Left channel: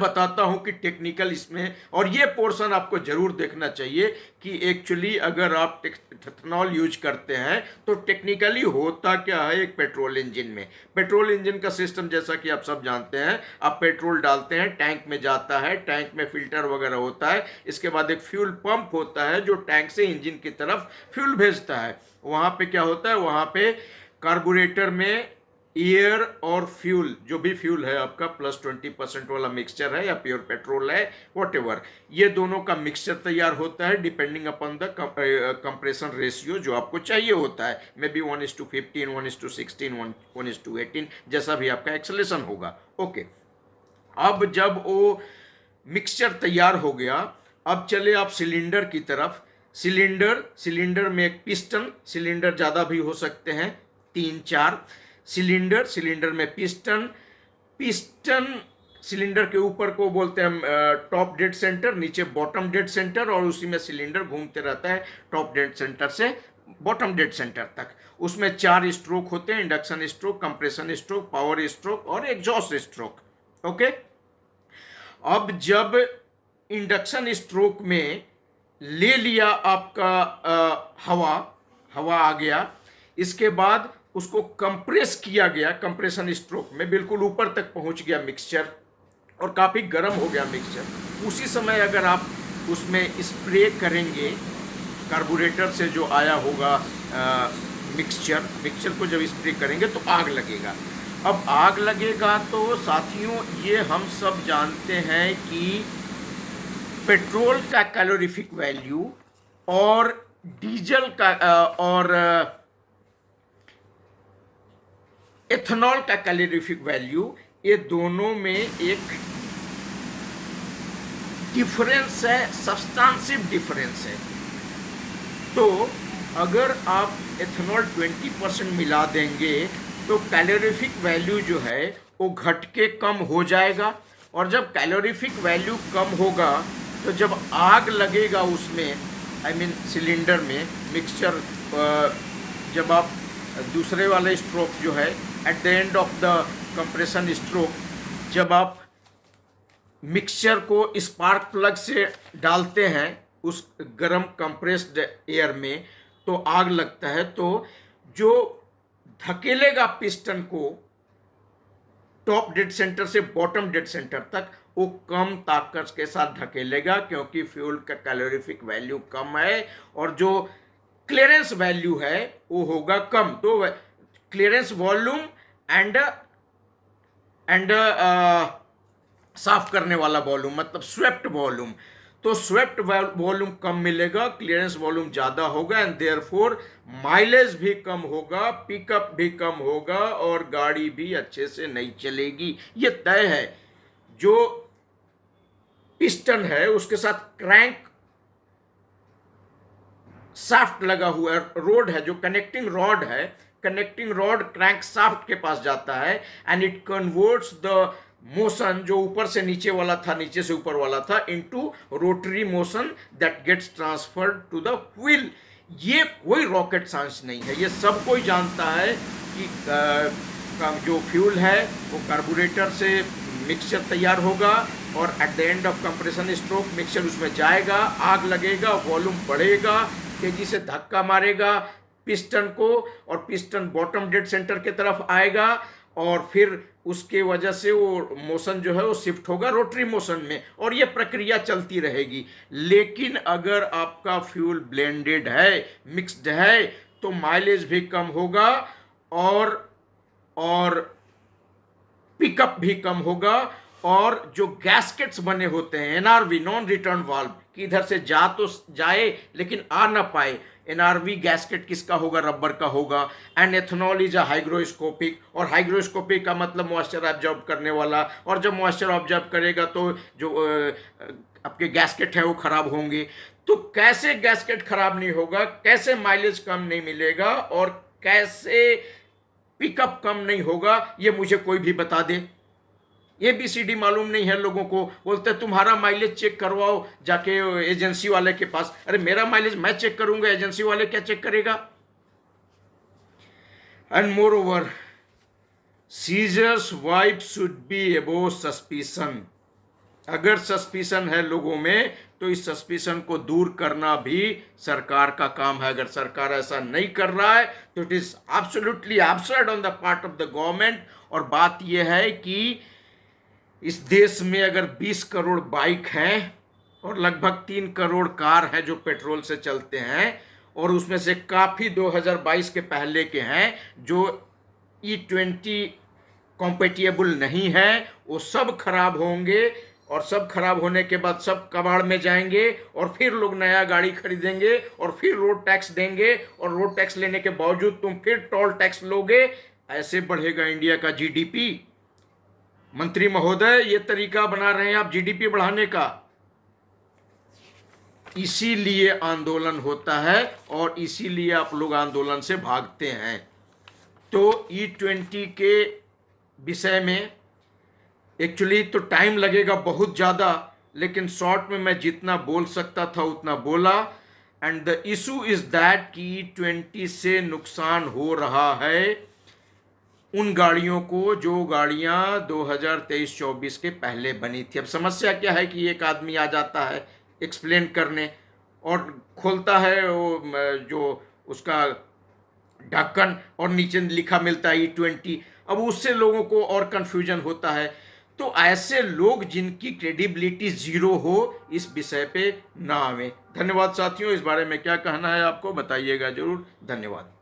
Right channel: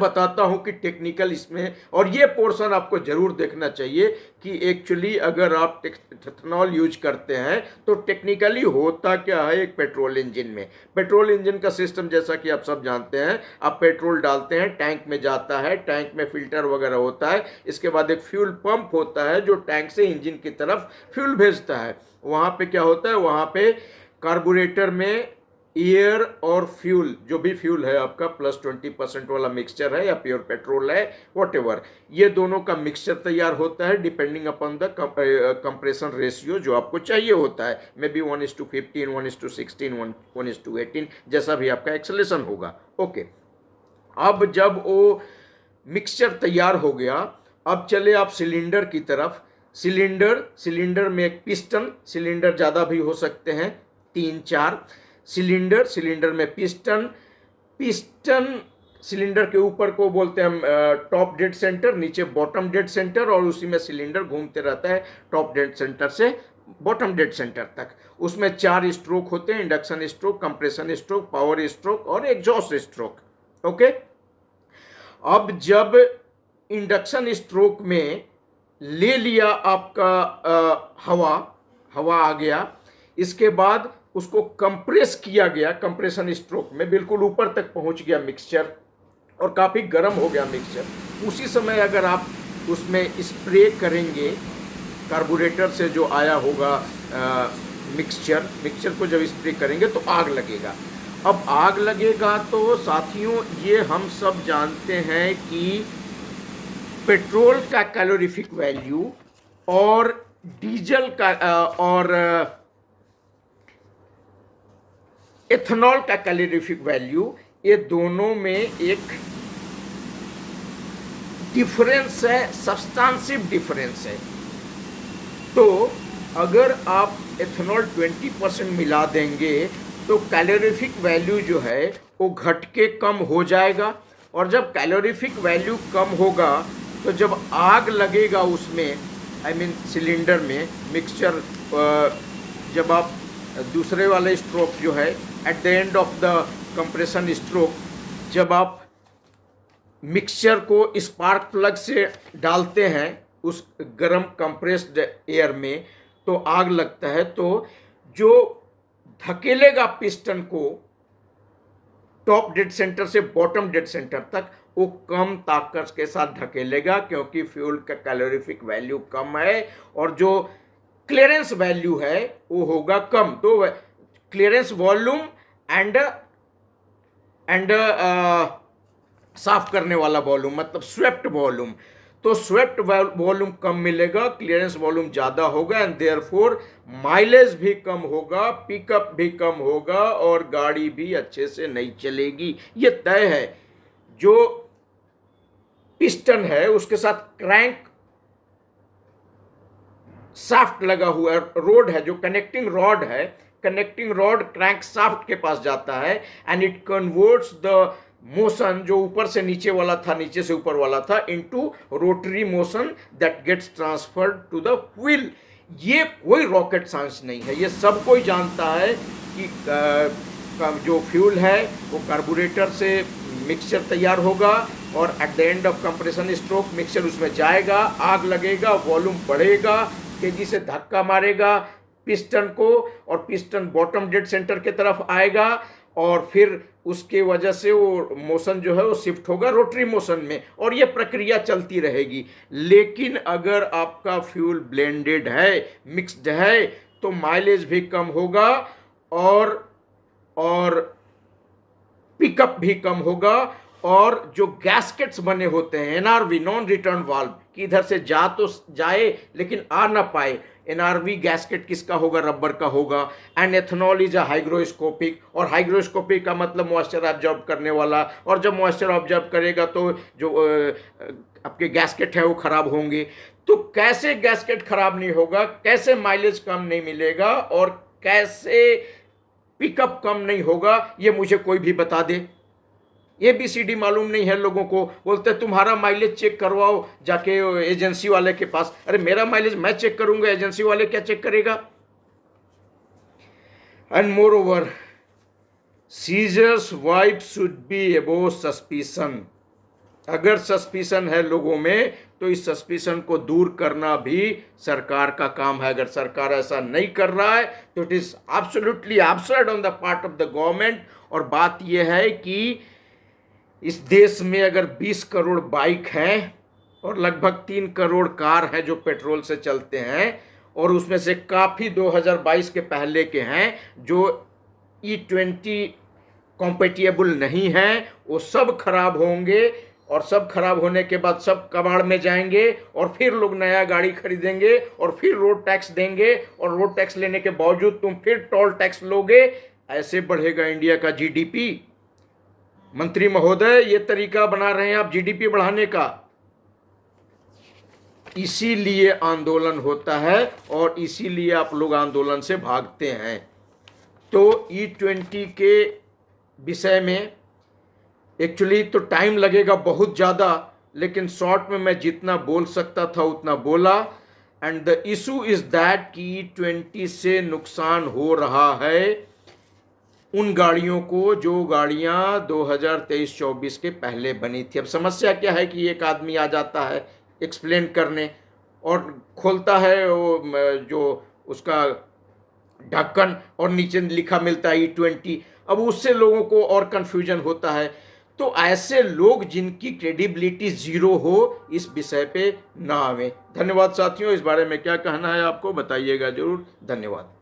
बताता हूं कि टेक्निकल इसमें, और ये पोर्शन आपको जरूर देखना चाहिए कि एक्चुअली अगर आप इथेनॉल यूज करते हैं तो टेक्निकली होता क्या है। एक पेट्रोल इंजन में, पेट्रोल इंजन का सिस्टम जैसा कि आप सब जानते हैं, आप पेट्रोल डालते हैं, टैंक में जाता है, टैंक में फिल्टर वगैरह होता है, इसके बाद एक फ्यूल पंप होता है जो टैंक से इंजन की तरफ फ्यूल भेजता है। वहां पे क्या होता है, वहां पे कार्बोरेटर में एयर और फ्यूल, जो भी फ्यूल है आपका +20% वाला मिक्सचर है या प्योर पेट्रोल है, वॉटेवर, ये दोनों का मिक्सचर तैयार होता है depending upon the compression ratio जो आपको चाहिए होता है। मे बी 1:15, 1:16, 1:18, जैसा भी आपका एक्सेलेशन होगा। ओके, अब जब वो मिक्सचर तैयार हो गया, अब चले आप सिलेंडर की तरफ। सिलेंडर में एक पिस्टन, सिलेंडर ज़्यादा भी हो सकते हैं, 3-4 सिलेंडर में पिस्टन सिलेंडर के ऊपर को बोलते हैं टॉप डेड सेंटर, नीचे बॉटम डेड सेंटर, और उसी में सिलेंडर घूमते रहता है टॉप डेड सेंटर से बॉटम डेड सेंटर तक। उसमें 4 स्ट्रोक होते हैं, induction stroke, compression stroke, power stroke और एग्जॉस्ट स्ट्रोक। ओके, अब जब इंडक्शन स्ट्रोक में ले लिया आपका हवा आ गया, इसके बाद उसको कंप्रेस किया गया, कंप्रेशन स्ट्रोक में बिल्कुल ऊपर तक पहुंच गया मिक्सचर और काफ़ी गर्म हो गया मिक्सचर। उसी समय अगर आप उसमें स्प्रे करेंगे कार्बोरेटर से जो आया होगा मिक्सचर को जब स्प्रे करेंगे तो आग लगेगा। अब आग लगेगा तो साथियों, ये हम सब जानते हैं कि पेट्रोल का कैलोरीफिक वैल्यू और डीजल का और एथेनॉल का कैलोरीफिक वैल्यू, ये दोनों में एक डिफरेंस है, सब्सटेंसिव डिफरेंस है। तो अगर आप एथेनॉल 20% मिला देंगे तो कैलोरीफिक वैल्यू जो है वो घट के कम हो जाएगा, और जब कैलोरीफिक वैल्यू कम होगा तो जब आग लगेगा उसमें, सिलेंडर में मिक्सचर, जब आप दूसरे वाले स्ट्रोक जो है at the end of the compression stroke, जब आप मिक्सचर को स्पार्क प्लग से डालते हैं उस गर्म कंप्रेस्ड एयर में, तो आग लगता है। तो जो धकेलेगा पिस्टन को टॉप डेड सेंटर से बॉटम डेड सेंटर तक, वो कम ताकत के साथ धकेलेगा, क्योंकि फ्यूल का कैलोरीफिक वैल्यू कम है और जो क्लियरेंस वैल्यू है वो होगा कम। तो क्लियरेंस वॉल्यूम एंड साफ करने वाला वॉल्यूम, मतलब स्वेप्ट वॉल्यूम, तो स्वेप्ट वॉल्यूम कम मिलेगा, क्लियरेंस वॉल्यूम ज्यादा होगा, एंड देयरफॉर माइलेज भी कम होगा, पिकअप भी कम होगा और गाड़ी भी अच्छे से नहीं चलेगी। ये तय है। जो पिस्टन है उसके साथ क्रैंक शाफ्ट लगा हुआ है, रोड है, जो कनेक्टिंग रॉड है, कनेक्टिंग रॉड क्रैंक शाफ्ट के पास जाता है, and it converts the motion, जो ऊपर से नीचे वाला था, नीचे से ऊपर वाला था, into rotary motion that gets transferred to the wheel. ये कोई रॉकेट साइंस नहीं है, ये सब कोई जानता है कि जो फ्यूल है वो कार्बोरेटर से मिक्सचर तैयार होगा, और at the end of compression stroke mixture उसमें जाएगा, आग लगेगा, वॉल्यूम बढ़ेगा, तेजी से धक्का मारेगा पिस्टन को, और पिस्टन बॉटम डेड सेंटर की तरफ आएगा, और फिर उसके वजह से वो मोशन जो है वो शिफ्ट होगा रोटरी मोशन में, और ये प्रक्रिया चलती रहेगी। लेकिन अगर आपका फ्यूल ब्लेंडेड है, मिक्स्ड है, तो माइलेज भी कम होगा और पिकअप भी कम होगा, और जो गैस्केट्स बने होते हैं एनआरवी, नॉन रिटर्न वाल्व, कि इधर से जा तो जाए लेकिन आ ना पाए, एनआरवी गैस्केट किसका होगा, रबर का होगा। And ethanol is a hygroscopic, और हाइग्रोस्कोपिक का मतलब मॉइस्चर ऑब्जर्व करने वाला, और जब मॉइस्चर ऑब्जर्व करेगा तो जो आपके गैस्केट है वो खराब होंगे। तो कैसे गैस्केट खराब नहीं होगा, कैसे माइलेज कम नहीं मिलेगा, और कैसे पिकअप कम नहीं होगा, ये मुझे कोई भी बता दे। ABCD मालूम नहीं है लोगों को, बोलते तुम्हारा माइलेज चेक करवाओ जाके एजेंसी वाले के पास। अरे मेरा माइलेज मैं चेक करूंगा, एजेंसी वाले क्या चेक करेगा। And more over, seizures wife should be above suspicion. अगर सस्पिशन है लोगों में तो इस सस्पिशन को दूर करना भी सरकार का काम है। अगर सरकार ऐसा नहीं कर रहा है तो it is absolutely absurd on the part of the government. और बात यह है कि इस देश में अगर 20 करोड़ बाइक हैं और लगभग 3 करोड़ कार हैं जो पेट्रोल से चलते हैं, और उसमें से काफ़ी 2022 के पहले के हैं जो E20 कॉम्पेटिबल नहीं है, वो सब खराब होंगे और सब खराब होने के बाद सब कबाड़ में जाएंगे और फिर लोग नया गाड़ी खरीदेंगे और फिर रोड टैक्स देंगे और रोड टैक्स लेने के बावजूद तुम फिर टोल टैक्स लोगे। ऐसे बढ़ेगा इंडिया का जीडीपी? मंत्री महोदय, ये तरीका बना रहे हैं आप जीडीपी बढ़ाने का। इसीलिए आंदोलन होता है और इसीलिए आप लोग आंदोलन से भागते हैं। तो E20 के विषय में एक्चुअली तो टाइम लगेगा बहुत ज़्यादा, लेकिन शॉर्ट में मैं जितना बोल सकता था उतना बोला। And the issue is that कि E20 से नुकसान हो रहा है उन गाड़ियों को जो गाड़ियां 2023-24 के पहले बनी थी। अब समस्या क्या है कि एक आदमी आ जाता है एक्सप्लेन करने और खोलता है वो जो उसका ढक्कन और नीचे लिखा मिलता है E20। अब उससे लोगों को और कंफ्यूजन होता है। तो ऐसे लोग जिनकी क्रेडिबिलिटी जीरो हो इस विषय पे ना आवे। धन्यवाद साथियों, इस बारे में क्या कहना है आपको बताइएगा जरूर। धन्यवाद।